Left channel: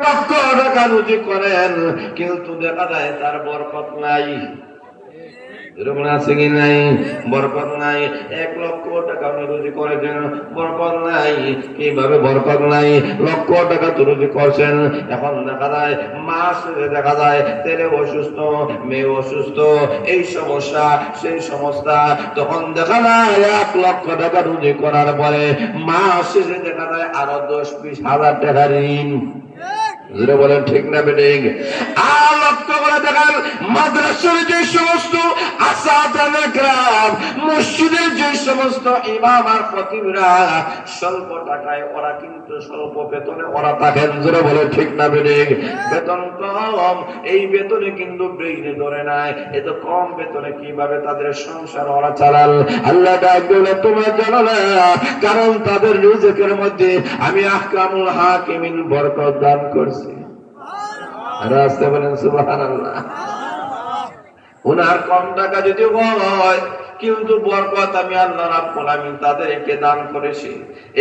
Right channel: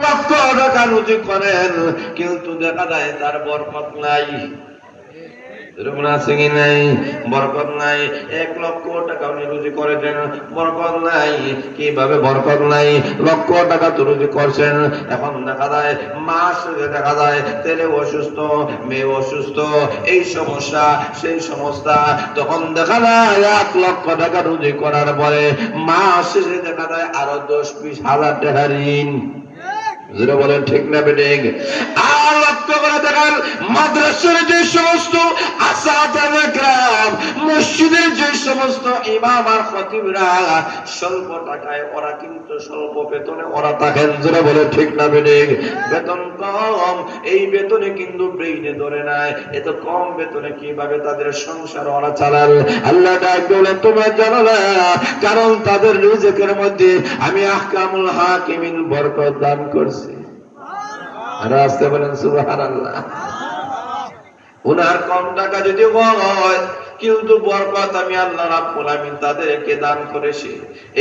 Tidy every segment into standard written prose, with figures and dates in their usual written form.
লক্ষ টাকা রুজি করেন, কিন্তু দেখা যায় তার বরকত নাই। আছে কি নাই? বরকত নাই। 1 লক্ষ টাকা উনি রুজি করেছেন, বরকত নাই। কিভাবে বরকত নাই? লক্ষ টাকা তো রুজি করছেন, এখন দেখা যায় মাস দেখা যায় ছেলে অসুস্থ, মেয়ে অসুস্থ, এই সমস্যা সেই সমস্যা। তখন দেখা যায় 1 লক্ষ টাকা রুজি করার পরে মাস শেষে দেখা যায় আরো 10-20 হাজার টাকা ঋণ। বলেন ঠিক না বেঠিক? আর লক্ষ্য করে দেখান মাদ্রাসার যে সমস্ত আসাতায়ে কেরাম, মসজিদের যে সমস্ত ইমাম আর খতিবরা স্বল্প টাকায়, ওরা কিন্তু স্বল্প বেতনে ওরা থাকেন। জোরে বলে ঠিক না বেঠিক? বেতন কম, এই বেতনে কিন্তু ব্রেইনে ধরে নাই, এত কম বেতনে কিভাবে তাদের সংসার ওরা চালাল? আল্লাহ ডাক দিলেন তোমরা জানো না, কারণ তাদের রিজিকের মধ্যে আমি আহকামুল হাকিমিন বরকত দান করছি। আর আসতে বলেন সুবহানাল্লাহ। ওনার কম টাকা যদি হয়, কিন্তু বরকত আমি আল্লাহ রাব্বুল আমিন তাদেরকে দান করেছি।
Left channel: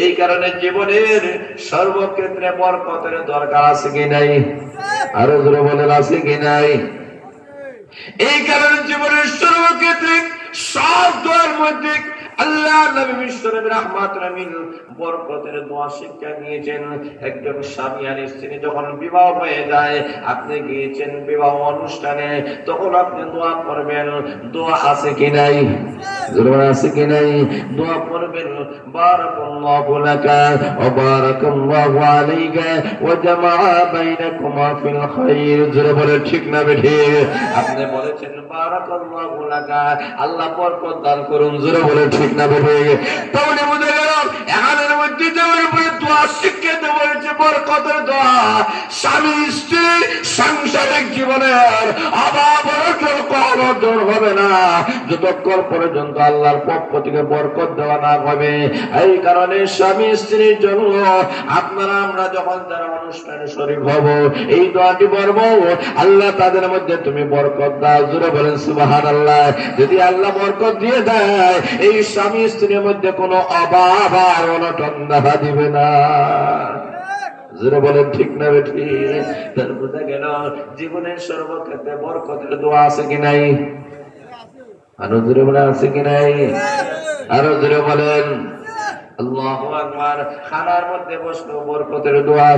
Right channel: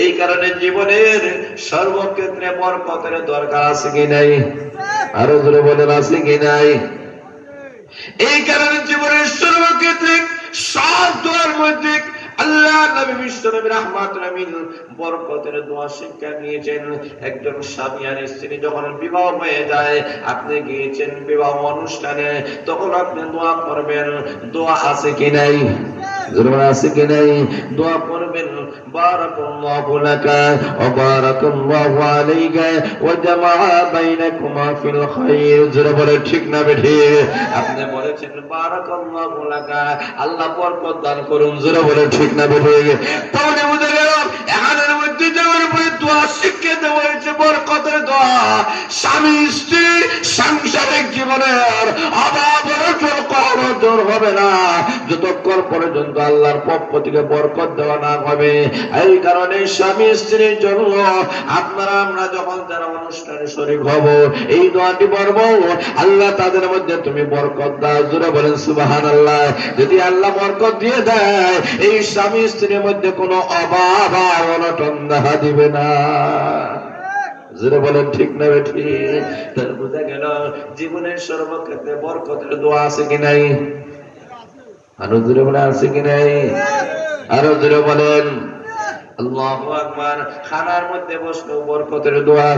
এই কারণে জীবনের সর্বক্ষেত্রে বরকতের দরকার আছে কি নাই? আরো জোরে বলেন আছে কি নাই? এই কারণে জীবনের সর্বক্ষেত্রে সব দোয়ার মধ্যে আল্লাহ নবী বিশ্বনবী রাহমাতুল আমিন বরকতের দোয়া শিক্ষা দিয়েছেন। একজন স্বামী আর স্ত্রী যখন বিবাহ হয়ে যায়, আপনি গিয়েছেন বিবাহ অনুষ্ঠানে, তখন আপনি দোয়া করবেন। দোয়া আছে কি নাই? জোরে আছে কি নাই? দোয়া করবেন বারাকাল্লাহু লাকা ওয়া বারাকাল্লাহু আলাইকা ওয়া জামাআ বাইনাকুমা ফিল খায়র। জোরে বলে ঠিক না বেঠিক? আপনি বলেছেন বারাকাল্লাহু লাকা, আল্লাহ বরকত দান করুন। জোরে বলে ঠিক না বেঠিক? তাহলে বুঝে গেল এখানের মধ্যে যাওয়ার পরে দোয়া শিক্ষা দেওয়া হয়েছে বরকতের দোয়া। স্বামী স্ত্রী সাংসারিক জীবনের অভাব অনটন কখনো দূর হবে না যতক্ষণ পর্যন্ত আল্লাহর পক্ষ থেকে বরকত দেওয়া না হবে। এই কারণে স্বামী স্ত্রীর জন্য আপনারা আমরা যখন যারা অনুষ্ঠানে শরীক হব, এই দোয়াটি পড়ব, আল্লাহ তাদের মধ্যে তুমি বরকত দাও। জোরে বলেন সুবহানাল্লাহ। যদি আল্লাহ বরকত দিয়ে দেয়, এই স্বামী স্ত্রীর মধ্যে কোনো অভাব আর অনটন দেখা দিবে না। জোরে বলেন ঠিক না বেঠিক? তাহলে বোঝা গেল জীবনের সর্বক্ষেত্রে বরকতের দোয়া আছে কি নাই? আরো জোরে বলেন আছে কি নাই? আরো জোরে বলেন আল্লাহু আকবার। খানার মধ্যে বসলো বরকতের দোয়া,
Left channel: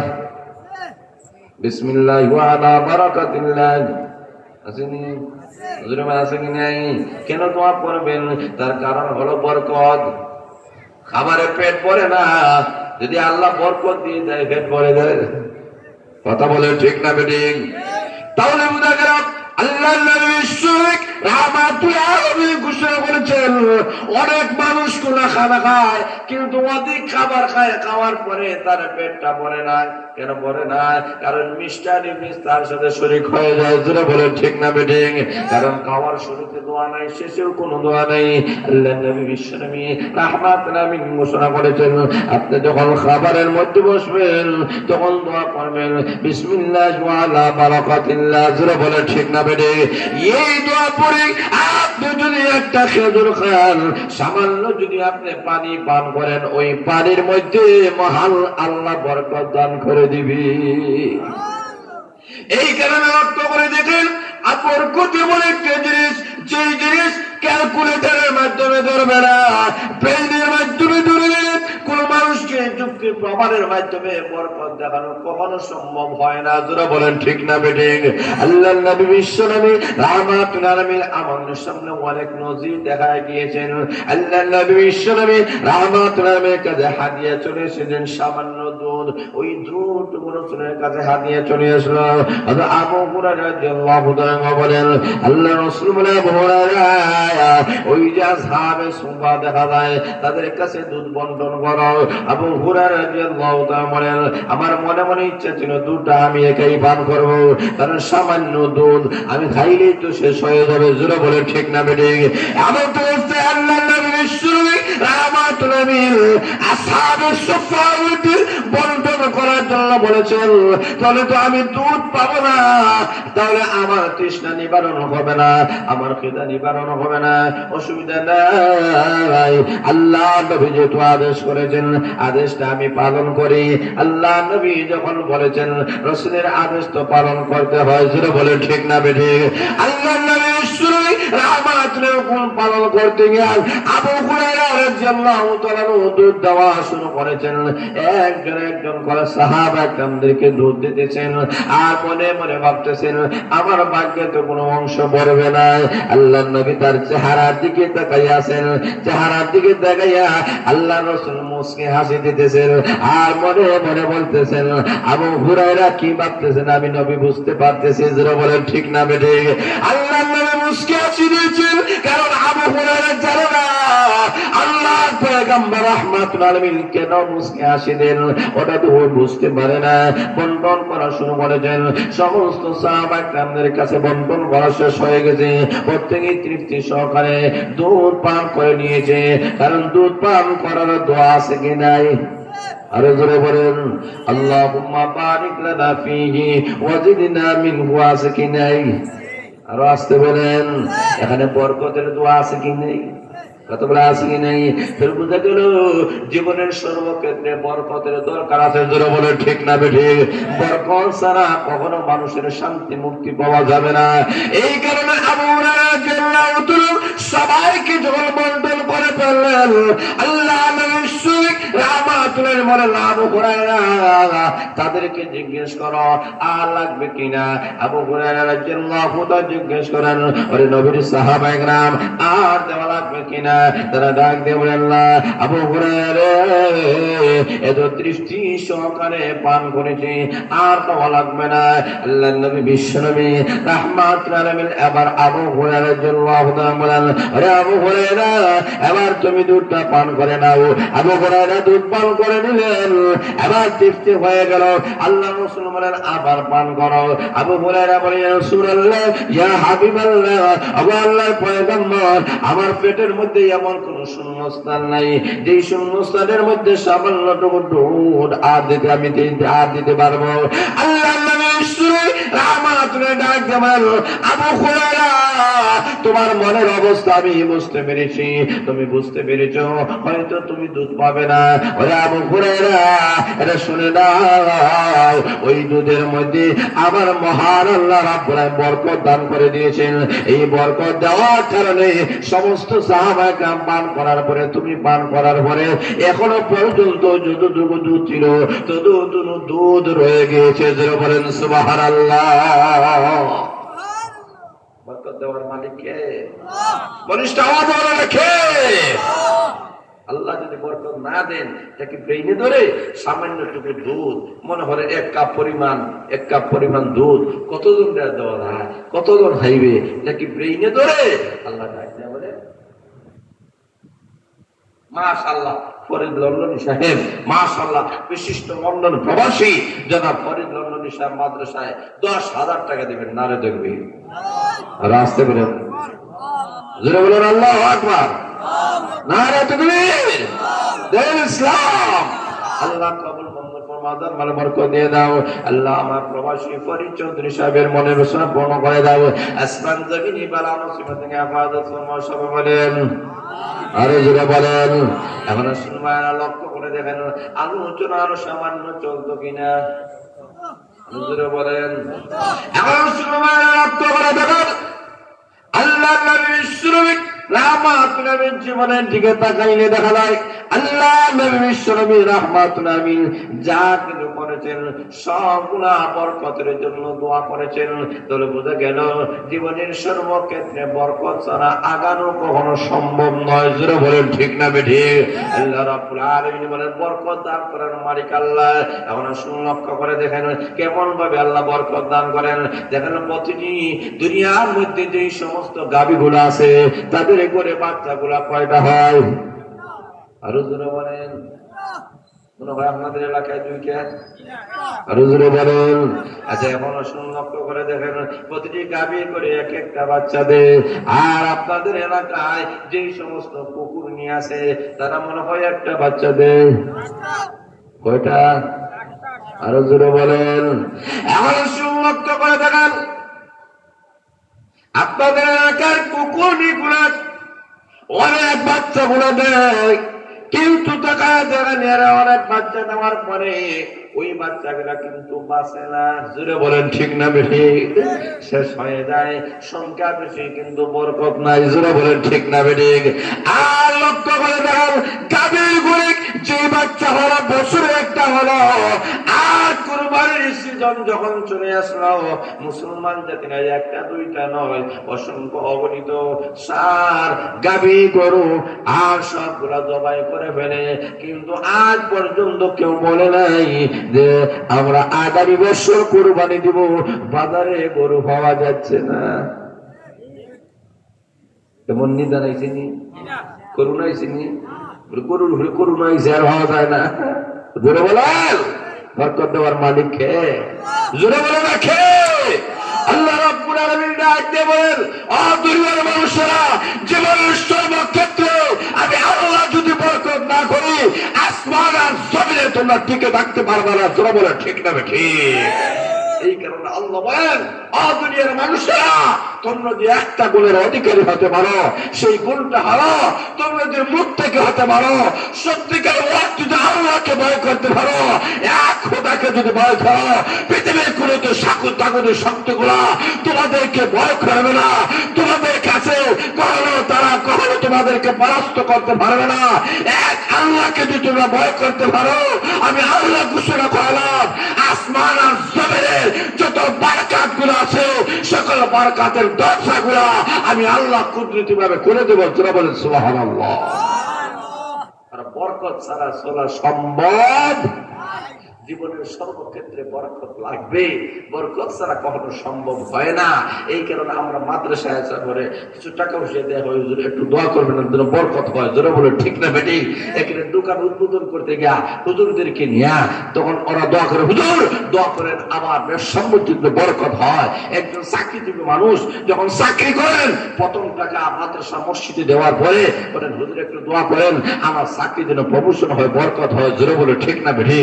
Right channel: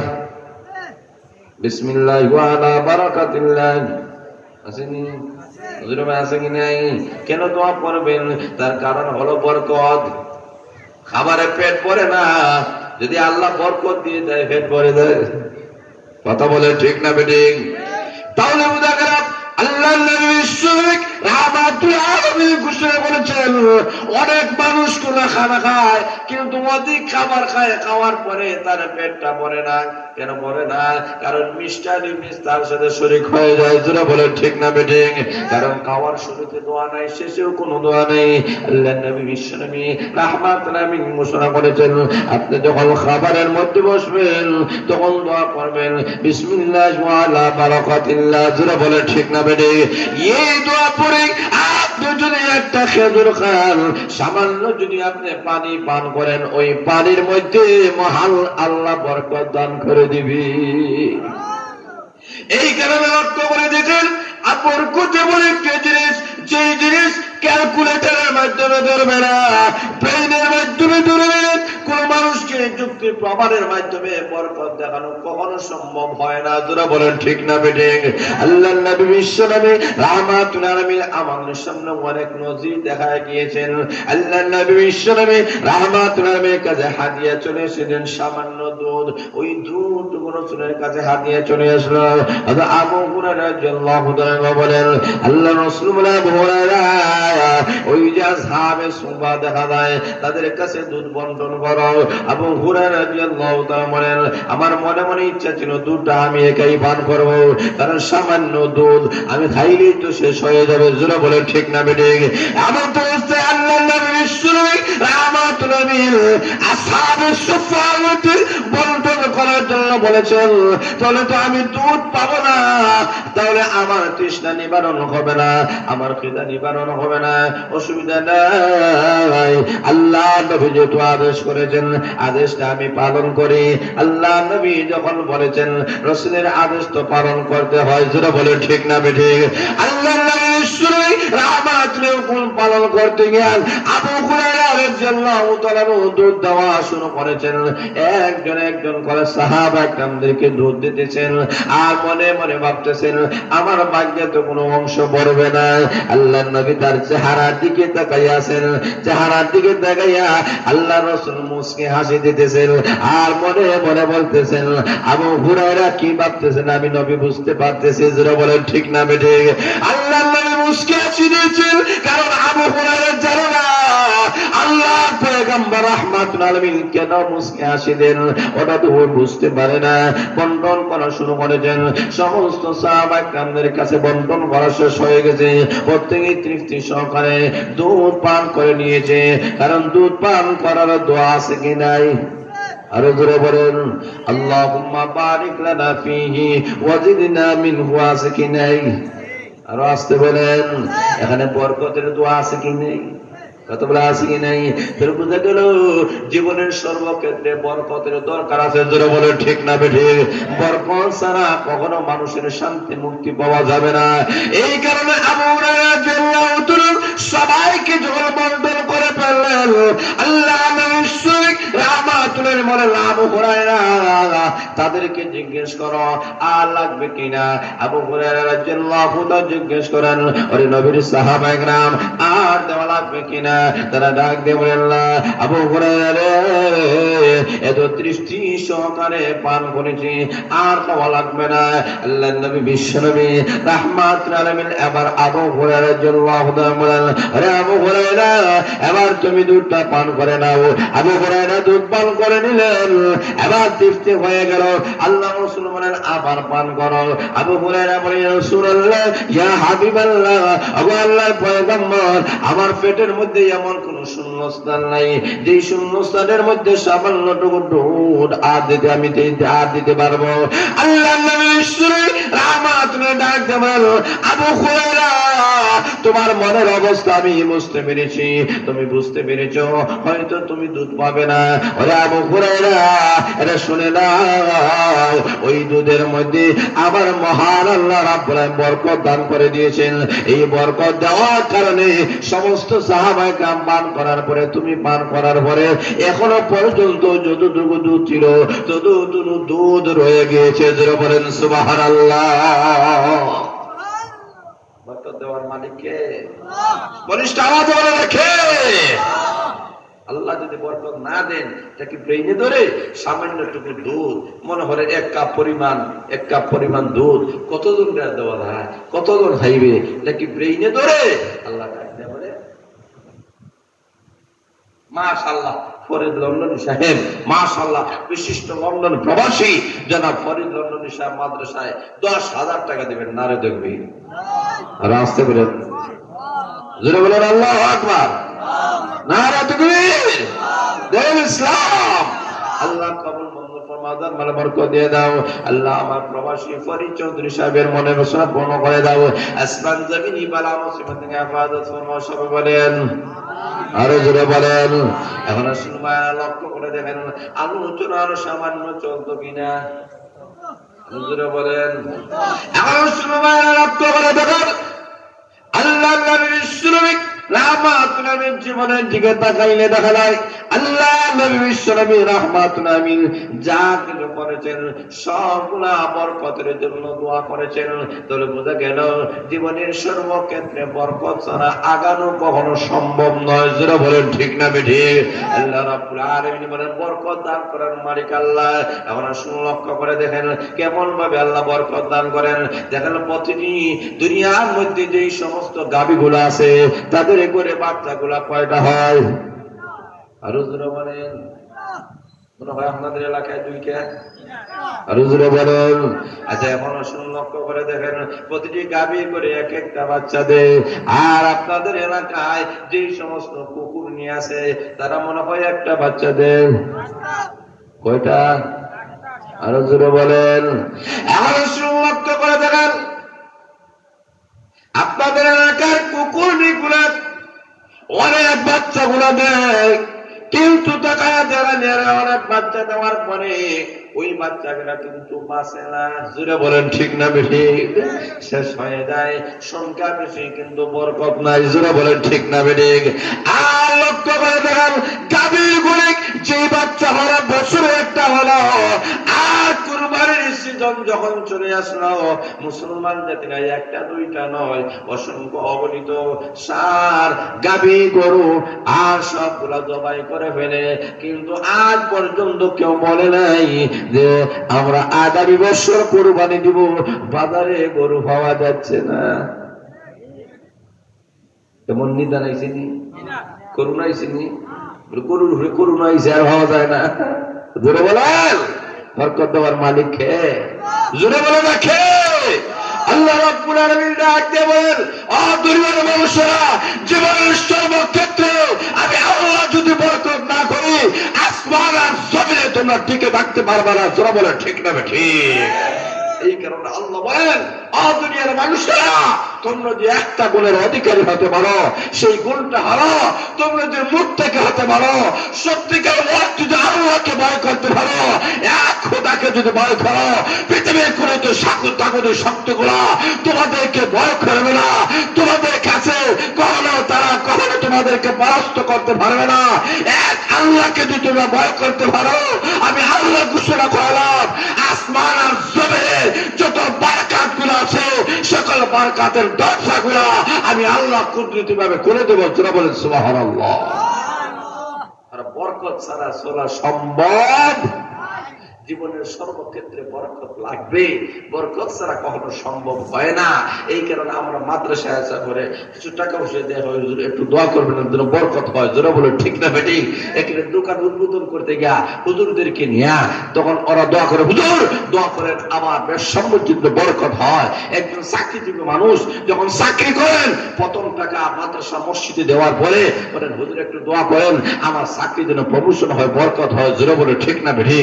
বিসমিল্লাহ ওয়া আলা বারাকাতিল্লাহ, আসেনি? জোরে বলেন আছে কি নাই? কেন দোয়া করবেন? তার কারণ হলো বরকত। খাবারে পেট ভরে না, যদি আল্লাহ বরকত দিয়ে দেয় পেট ভরে দেয়। কথা বলে ঠিক না বেঠিক? তাহলে বোঝা গেল আল্লাহ নবী শুক রাহমাতুল্লাহ আলাইহি ঘোষণা করেছেন, অনেক মানুষ কোনা খানা খায়, কিন্তু অধিক খাবার খায়, খাওয়ার পরে তার পেটটা ভরে না। কেন ভরে না? কারণ মিষ্টার ইবলিস তার সাথে শরীক হয়ে যায়। জোরে বলে ঠিক না বেঠিক? কারণ খাওয়ার শুরুতে দোয়া নাই, শেষেও কোনো দোয়া নেই। আল্লাহ নবী বিশ্বনবী রাহমাতুল্লাহ আলাইহি ঘোষণা করেছেন, আপনি যখন খাবারের মধ্যে বসবেন তখন দোয়া করবেন বিসমিল্লাহ ওয়া আলা বারাকাতিল্লাহ। জোরে বলে ঠিক না বেঠিক? এই দোয়া পড়ে আপনি যদি একটা খেজুর খান, সামান্য যদি আপনি পানি পান করেন, ওই পানির মধ্যে মহান আল্লাহ বরকত দান করে দিবে। এই কারণে লক্ষ্য করে দেখেন, বরকত এমন একটা জিনিস, যে জিনিস ক্যালকুলেটরের মাধ্যমে ধরবে না, ব্রেইনের মাধ্যমে ধরবে। কোন মানুষকে যুক্তি প্রমাণের মাধ্যমে বরকত দেখানো কখনো সম্ভব হয় না। যারা বলেন ঠিক না বেঠিক? আল্লাহর নবী বিশ্বনবী রাহমাতুল্লাহ আলাইহি আমাদের সামনে অনেক নজির দেখা গিয়েছেন। আল্লাহর নবী বিশ্বনবী রাহমাতুল্লাহ আলাইহির কাছে হাদিয়া চলে এসেছেন, সামান্য দুধ। ওই দুধ রাসূলের কাছে হাদিয়া চলে আসলো। আবু হুরায়রা রাদিয়াল্লাহু তাআলা বলেন, আল্লাহ রাসূল বলেন, আবু হুরায়রা ওই যে আসহাবে সুফা দেখা যায়, তাদের কাছে দুধ বন্টন করো। আবু হুরায়রা রাদিয়াল্লাহু তাআলা বলেন, আমার মনে মনে ইচ্ছা ছিল দুধটা আমি একাই পান করব, কারণ সামান্য দুধ আমি খাইলেই তো শেষ হয়ে যাবে। জোরে বলে ঠিক না বেঠিক? এমন তো অবস্থায় আল্লাহর নবী বিশ্বনবী রাহমাতুল্লাহ আলাইহি আসহাবে সুফা বন্টন করার জন্য বলেছেন, তাহলে তো আমি দুধ পাবো না, তাহলে আমার তৃষ্ণা নিবারণ হবে না, আমার খিদা নিবারণ হবে না, অসুবিধা নাই। আল্লাহ নবী যেহেতু আদেশ করেছেন, আদেশটা আমি পালন করি। আল্লাহ নবী যখন বলেছেন, রাসূলের আদেশ তো পালন করতে হয়, যেটা বলে ঠিক না বেঠিক? আল্লাহ নবী শুনুই রাহমাতুল হুকুম পালন করতে গিয়ে আবু হুরায়রা রাদিয়াল্লাহু তাআলা দুধ দেওয়া শুরু করেছেন। একজন করে সাহাবা কেরামদেরকে দুধ দিতেছেন, আর মনে মনে ভাবতেছেন আমার ভাগ্যে তো কোনো অংশ পড়বে না। আল্লাহ নবী তার চেহারার দিকে তাকাইয়াছেন, চেহারার দিকে তাকাইয়া আল্লাহ রাসূল মুস্কি হাসি দিতেছেন, আর মনে মনে বলতেছেন আবু হুরায়রা কি ভাবতেছেন আমি নবী বুঝতে পারতেছি, যারা বলেন ঠিক না বেঠিক? আল্লাহ নবী মুস্কি হাসি দিয়েছেন, কারণ আবু হুরায়রা জানে না আল্লাহ পয়গম্বর রাহমাতুল আলামিন কেন মুস্কি হাসি দেন, ওটা তো বুঝতে পারে না। বন্টন করা শুরু করেছেন, সমস্ত সাহাবা কেরামদের কাছে বন্টন করা শেষ হয়ে গেছে। প্রত্যেকেই তৃপ্তি সহকারে দুধ পান করে নিয়েছে, কারণ দুধ পান করার দোয়া আছে কি নাই? আরো জোরে বলেন আল্লাহুম্মা বারিক লানা ফীহি ওয়াজিদনা মিনহু, আছে কি নাই? আরো আসতে বলেন, এখানে বরকতের দোয়া আছে কি নেই? কত বড় আছে কি নাই? ফের বুঝা গেল জীবনের সর্বক্ষেত্রে বরকতের দরকার আছে, জোরে বলেন ঠিক না বেঠিক? বরকত ছাড়া কখনো মানুষের শান্তি মুক্তি পাওয়া যাবে না। এই কারণে আবু হুরায়রা রাদিয়াল্লাহু তাআলা সবাইকে যখন বন্টন করে ফেললেন, আল্লাহ নবী রাহমাতুল্লাহ বলেন আবু হুরায়রা তাদেরকে জিজ্ঞেস করো আর লাগবে কিনা। আবু হুরায়রা রাদিয়াল্লাহু তাআলা জিজ্ঞেস করেন, ওরে নবীর সাহাবায়ে কেরাম আর দেওয়া লাগবে কিনা? তারা ডাক দিয়ে বলেন না আবু হুরায়রা এত দৃষ্টি সহকারে পান করেছি, আর দেওয়া লাগবে না। আল্লাহর নবী বিশ্বনবী রাহমাতুল্লাহ আলাইহি এবার আবু হুরায়রা রাদিয়াল্লাহু তাআলা বলেন, আরে আবু হুরায়রা এবার তুমি দুধটা পান করে নাও। আবু হুরায়রা দুধ পান করে নিলেন, এবার তৃপ্তি হয়ে গেল। আল্লাহ রাসূল বলেন আবার পান করো। আবু হুরায়রা বলেন ইয়া রাসূলুল্লাহ ইয়া হাবিবাল্লাহ, ওগো আল্লাহর পয়গম্বর আমার পেটের মধ্যে এমন কোন শূন্যস্থান নাই যে শূন্যস্থানের মধ্যে সামান্যটুকু দুধ আর দিতে আমি দিতে পারবো। আল্লাহর নবী রাহমাতুল্লাহ ডাক দেবেন, আবু হুরায়রা তোমার মনের অবস্থা আমি বুঝতে পেরেছি, তুমি বুঝতে পেরেছো হয়তো তুমি দুধ পাবে না। ওরে আবু হুরায়রা এটা শুনে নাও, ওই দুধের মধ্যে আবার মহান আল্লাহ রাব্বুল আলামিন বরকত দান করে দিয়েছেন। এই বরকত দেওয়ার কারণে সমস্ত সাহাবায়ে কেরাম পান করার পরে, তুমি পান করার পরে এখনো পর্যন্ত যতটুকু দুধ ছিল ততটুকু দুধ রয়ে গিয়েছে। যারা বলেন সুবহানাল্লাহ। বরকত দেওয়ার মালিক কে? বলিষ্ঠ আওয়াজ বলে রাখে। আল্লাহ যদি বরকত না দেন, তাকে ব্রেইনে ধরে সামান্যটুকু দুধ মনে হয় এক কাপ পরিমাণ দুধ কতজন দেওয়া যায়, কতজন খাইবে, নাকি ব্রেইনে ধরে আল্লাহ ডাক দেয়া বলে মাশাআল্লাহ ফরিদ লন্ডনী সাহেব, মাশাআল্লাহ বিশিষ্ট লন্ডন প্রবাসী জনাব ফরিদ লন্ডনী সাহেব মাদ্রাসায় 10,000 টাকা দিবেন। নারে দেখবি আর আসতে বলেন, জোরে বলেন আল্লাহু আকবার, নারে তাকবীর, দিন ইসলাম। আল্লাহ কবুল মঞ্জুর ফরমাদার মানে বরকত দিয়ে দাও। আল্লাহ আমার প্রবাসী ফরিদ চৌধুরী সাহেবের মনে বাসনা পূর্ণ করে দাও। আসমান জমিনি বালা মুসিবত থেকে হেফাজত ফরমাও। সবাই বলেন আরো জোরে বলেন। এখন শুনবা লক্ষ্য করে দেখেন আলোচনা আরো সামান্য চলতো কিনা, আরো জোরে বলেন। এখন শুনবা লক্ষ্য করে দেখেন আল্লাহ নবী বিশ্বনবী রাহমাতুল্লাহ আলাইহির জীবনের দিকে তাকাইলে দেখা যায় আল্লাহ নবী বিশ্বনবী রাহমাতুল্লাহ আলাইহি যা কিছু করেছেন সবগুলা বরকতের জন্য দোয়া করেছেন। তাহলে বোঝা গেল জীবনের সর্বক্ষেত্রে বরকত ছাড়া আগানো কখনো সম্ভব নয়। যারা বলেন ঠিক না বেঠিক? আল্লাহ রাব্বুল আলামিন বলেন বরকত দান করেন মালিক আল্লাহ। এখন লক্ষ্য করে দেখেন কেমন ভাবে আল্লাহ বরকত দান করেন। দেখেন প্রতিটি দুনিয়ার মধ্যে যে সমস্ত গাভীগুলো আছে তাদের করে বাচ্চাগুলা কয়টা হয়? আরো জোরে বলেন। মনে হয় আপনাদের এলাকায় 2টা। আরো জোরে বলেন। আচ্ছা এখন লক্ষ্য করে দেখেন প্রতিটি গাভী করে এক একটা বাচ্চা দেয়। আর আপনাদের এলাকায় যে সমস্ত কুকুর নিয়ে আছে তারা মনে হয় একটা বাচ্চা দেয়। কয়টা? আরো জোরে বলেন। এখন লক্ষ্য করে দেখেন বাচ্চাগুলো দেয়, কিন্তু তাকায় যারা নেড়ে অনেক বাচ্চা দেওয়ার পরে ওই বাচ্চাগুলা কিন্তু বাঁচে না। জোরে বলেন ঠিক না বেঠিক? শেষ হয়ে যায়, সংখ্যা বেশি কিন্তু বরকত নাই। জোরে বলেন ঠিক না বেঠিক? আর লক্ষ্য করে দেখেন, গাভীর গরু যে বাচ্চা হলো বছরে একটা হলো, আর কুরবানির সিজন যখন চলে আসলো, মুসলমান জাতি নাই একটা দুইটা নয়, অসংখ্য অগণিত ষাঁড় গাভী গরু আর সবগুলা জবাই করে ফেলে। কিন্তু আজ পর্যন্ত কেউ বলে নাই যে আমরা আগামী বছর কুরবানি দিব, বাজারে গরু পাওয়া যাচ্ছে না। কেমন নিদান আইসিনি, করুণা আইসিনি, গরুর হয়ে করুণা আইসে আর হওয়া যায় না। জোরে বলেন, বরকত দেওয়ার মালিক কে? জোরে বলে না কে? আল্লাহ রাব্বুল আলামিন ডাক দিয়ে বলেন, ও দুনিয়ার মানুষেরা, জীবনের সর্বক্ষেত্রে আমি আল্লাহ যদি বরকত না করি, আসমান আর জমিনে তোমরা টিকে থাকতে পারবে না। জোরে বলে ঠিক না ঠিক? এই কারণে আল্লাহ বলেন, ও দুনিয়ার মানুষেরা, তোমরা যে একটা গুণের অধিকারী হতে পারো, সেই গুণটা হলো তোমরা যে মুত্তাকি হতে পারো, সত্যিকার অর্থে যদি আল্লাহকে ভয় করতে পারো, এক খোদাকে যদি ভয় করো, পৃথিবীর কোন তো সাকুর তাকুদের শক্তিগুলা তোমাদেরকে ভয় করবে না। তোমাদের কাছে কখনো তারা কখনো তোমাদেরকে পরাস্ত করতে পারবে না। এক আল্লাহকে যদি তোমরা ভয় করতে পারো, আমি আল্লাহ ঘোষণা করলাম, আসমান আর জমিনে যত বারকাত গুলো আছে, সকল বারকাতের দরজা গুলা আমি আল্লাহ কুদরতি ভাবে করে দেবো। তোরা বলেন সুবহানাল্লাহ। আর বরকত ছাড়া চলা সম্ভব? জীবনের সর্বক্ষেত্রে বরকত লাগবে, বরকত ছাড়া কখনো সম্ভব হয় না। এই কারণে আমরা মাদ্রাসায় আসা করে কিছু টাকা পয়সা দেওয়া হয়, একটু দোয়া করবেন যেন বরকত হয়। জোরে বলে ঠিক না বেটি? এখানে দোকান উদ্বোধন করতে গিয়া হুজুরদেরকে নিয়ে তখন ওরা দোয়া করে, হুজুর দোয়া করেন আমার ব্যবসা পর্যন্ত বরকত হয়। একজন চাকরিজীবী মানুষ যখন চাকরি করেন, প্রথম টাকা মাদ্রাসা মসজিদে দেওয়ার পরে বলেন, হুজুর একটু দোয়া করেন আমার চাকরি যেন প্রমোশন হয়, বরকত হয়। জোরে বলে ঠিক না বেটি?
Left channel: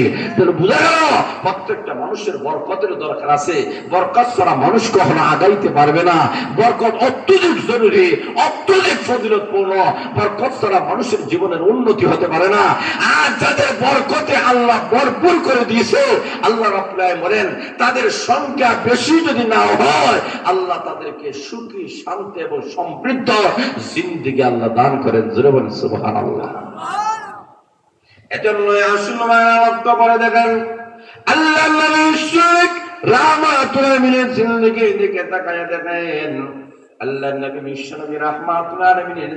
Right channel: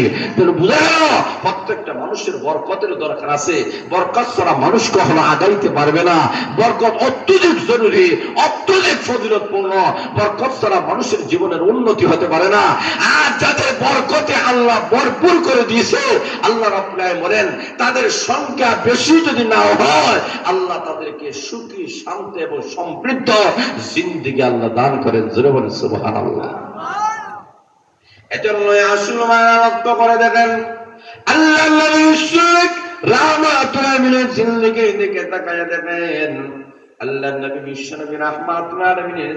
প্রত্যেকটা মানুষের বরকতের দরকার আছে। বরকত ছাড়া মানুষ কখনো আগাইতে পারবে না। বরকত অত্যধিক জরুরি, অত্যধিক ফজিলতপূর্ণ। বরকত ছাড়া মানুষের জীবনের উন্নতি হতে পারে না। আর যাদের বরকতে আল্লাহ ভরপুর করে দিয়েছে, আল্লাহ রাব্বুল আলামিন বলেন, তাদের সংখ্যা বেশি যদি না হয়, আল্লাহ তাদেরকে সুখী, শান্ত এবং সমৃদ্ধ জিন্দেগি আল্লাহ দান করেন। জোরে বলেন সুবহানাল্লাহ। এজন্য আসল মায়া লক্ষ্য করে দেখেন, আল্লাহ নবী শরীফ রাহমাতুল আলামিনের জিন্দেগির দিকে তাকায় দেখেন, আল্লাহ নবী বিশ্বনবী রাহমাতুল আলামিনের